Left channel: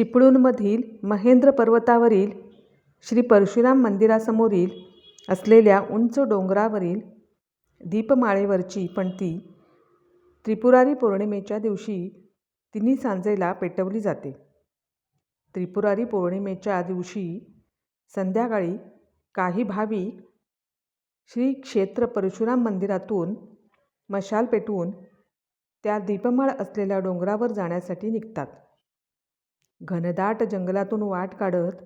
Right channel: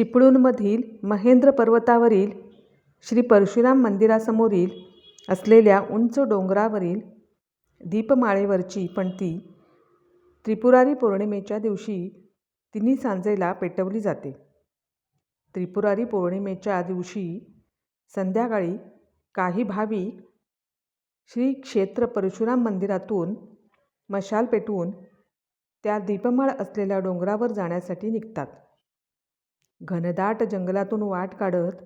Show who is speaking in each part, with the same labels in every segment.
Speaker 1: चिपळूणमधील महेंद्र पर्वतावरील श्री परशुराम मंदिरासमोरील असलेल्या उंच डोंगरावरील दीपमाळेवरची पणती त्रिपुरारी पौर्णिमेच्या दिवशी तिन्ही सांजेला पेटवली जाते. त्रिपुरारी पौर्णिमेच्या दिवशी संध्याकाळी काही भाविक श्री क्षेत्र परशुराम मंदिरातून मशाल पेटवून त्या दीपमाळ असलेल्या डोंगरावर जाण्यासाठी निघतात. घनदाट जंगलातून वाट काढत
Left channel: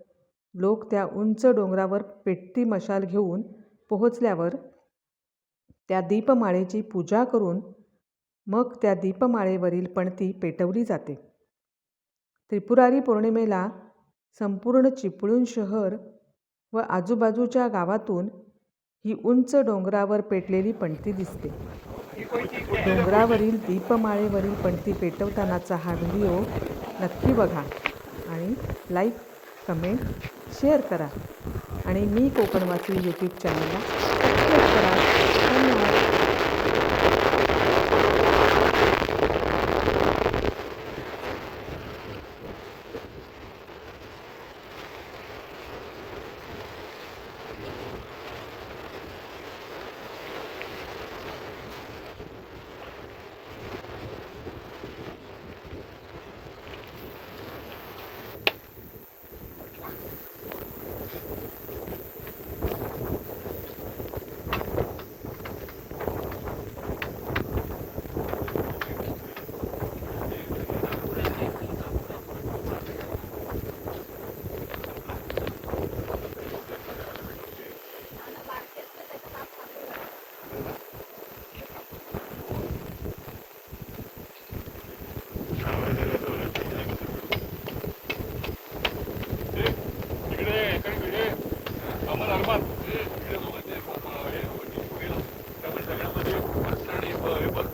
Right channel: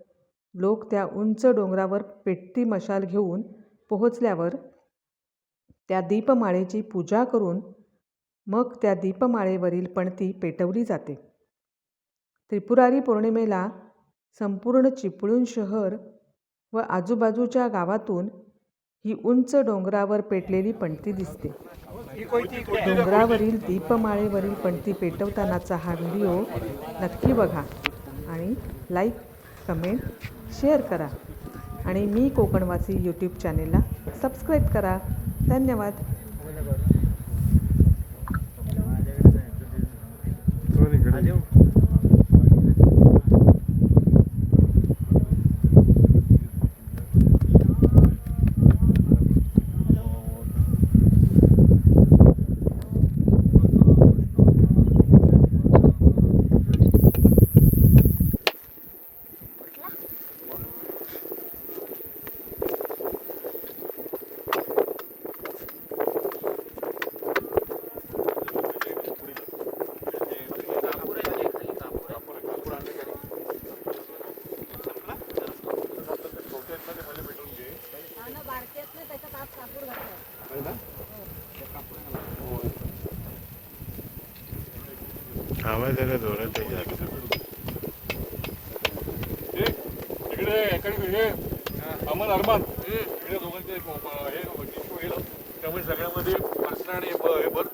Speaker 1: लोक त्या उंच डोंगरावर पेटती मशाल घेऊन पोहोचल्यावर त्या दीपमाळेची पूजा करून मग त्या दीपमाळेवरील पणती पेटवली जाते. त्रिपुरारी पौर्णिमेला संपूर्ण चिपळूण शहर व आजूबाजूच्या गावातून ही उंच डोंगरावर पेटलेली पणती दिसते. डोंगरावरील दीपमाळेवरील पणती पेटवतानाचा हा व्हिडिओ नक्की बघा आणि लाईक, कमेंट, शेअर करा आणि मी कोकणवासी यूट्यूब चॅनलला सबस्क्राईब करा. धन्यवाद.
Speaker 2: आवाज आला जोरात
Speaker 3: इकडे इकडे अमर अरमान इकडे दोघांचे हे हे त्यामुळे सगळ्यामध्ये अर्चना आणि हे हे बघ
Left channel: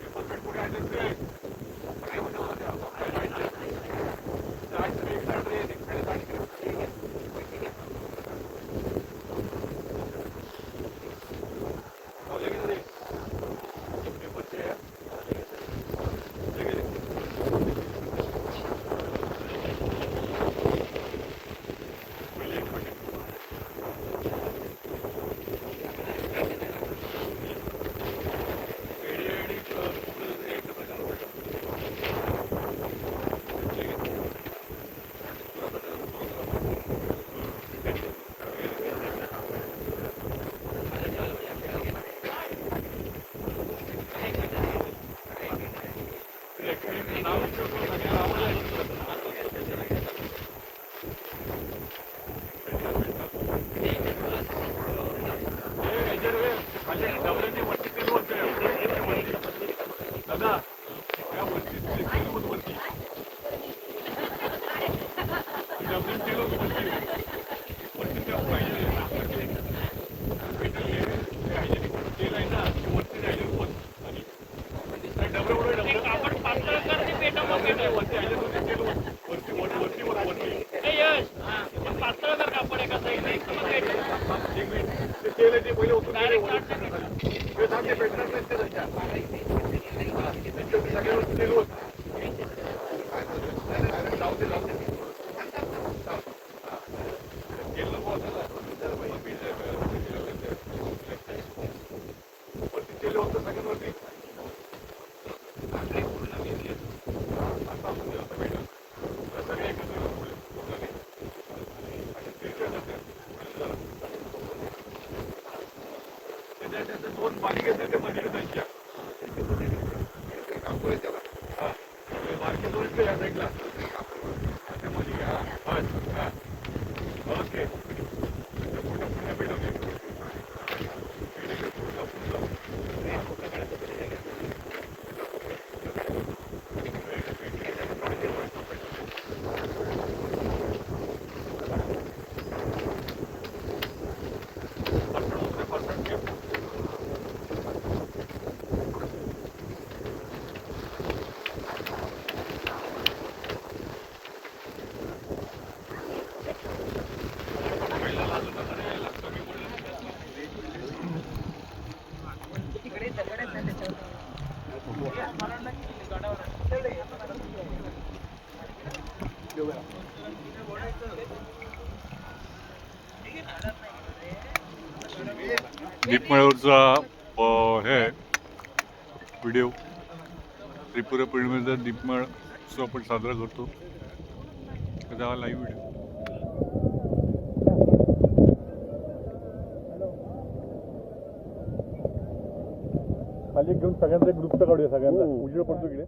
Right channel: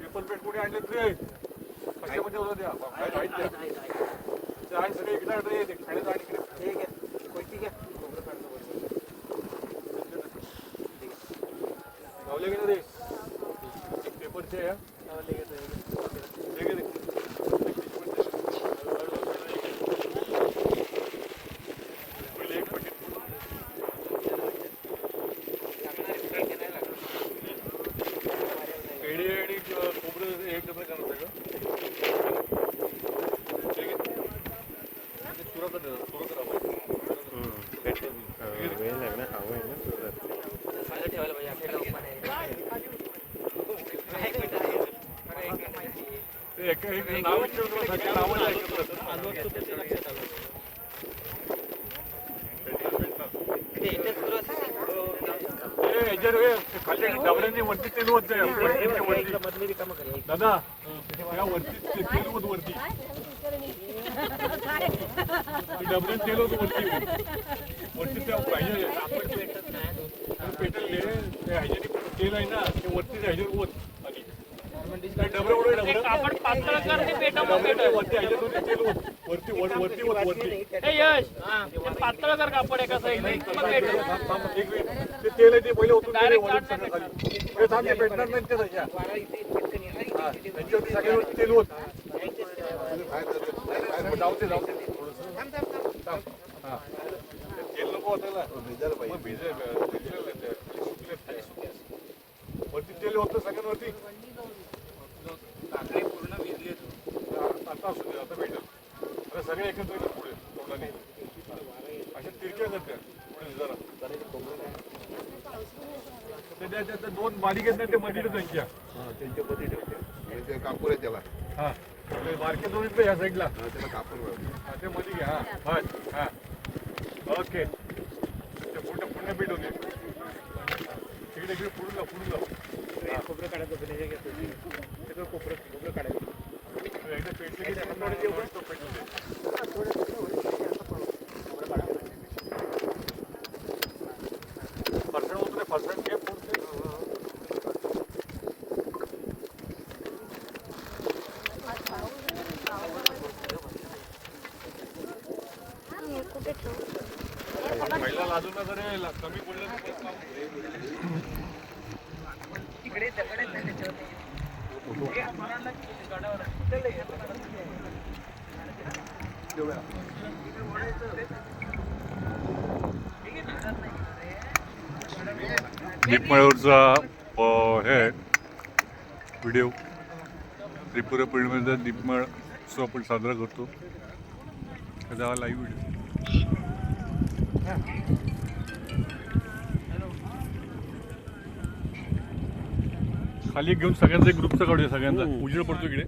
Speaker 3: पेपर पेट कुठे आणले ते सगळे म्हणजे होतं त्या काय राहायचे ते आहे सगळे इकडे आण रे, ते खायला आण. लावले की नाही ते? पेपरचे आहे. ले गेले. एडी एडी खोबरं एक रुपये चालू होतं. ते एक- एक नाव ठेवलं, सगळ्या नावाला ऐकलं. ए, याच्यावर हे खाली डबऱ्यांनी वरती तेल वरती आहे. वरती- वरती. दादा त्या वरती ते तेल होतं वरती ते डबऱ्यात तेल होतं वरती वरती ते पाहिजे पेटल हे ते ह्याच्याने तेल आहे ना ते वरती ह्याच्यावर वर
Speaker 4: आपण पातळ करते
Speaker 3: ते तेल
Speaker 4: यश ते कापड एका साईडने
Speaker 3: त्याच्या ते मंदिर बारीक आहेत ना, ते मध्ये त्यांच्या हा. ते बारके या साईडला. ते मध्ये घ्या हा. हा ओके. पूर्ण पूर्ण पुढे पेटवते इकडे इकडे पुढे
Speaker 5: दीपमाळ्यावरचा अ, हे व्हिडिओ. त्रिपुरा पौर्णिमेचा दीपमाळ उत्सव आपण साजरा करतो. त्याचा हा लाईव्ह व्हिडिओ खाली घेऊन सगळ्यांचा एक ग्रुपचा काढूया सगळ्यांचा. उजेड पडतो इकडे.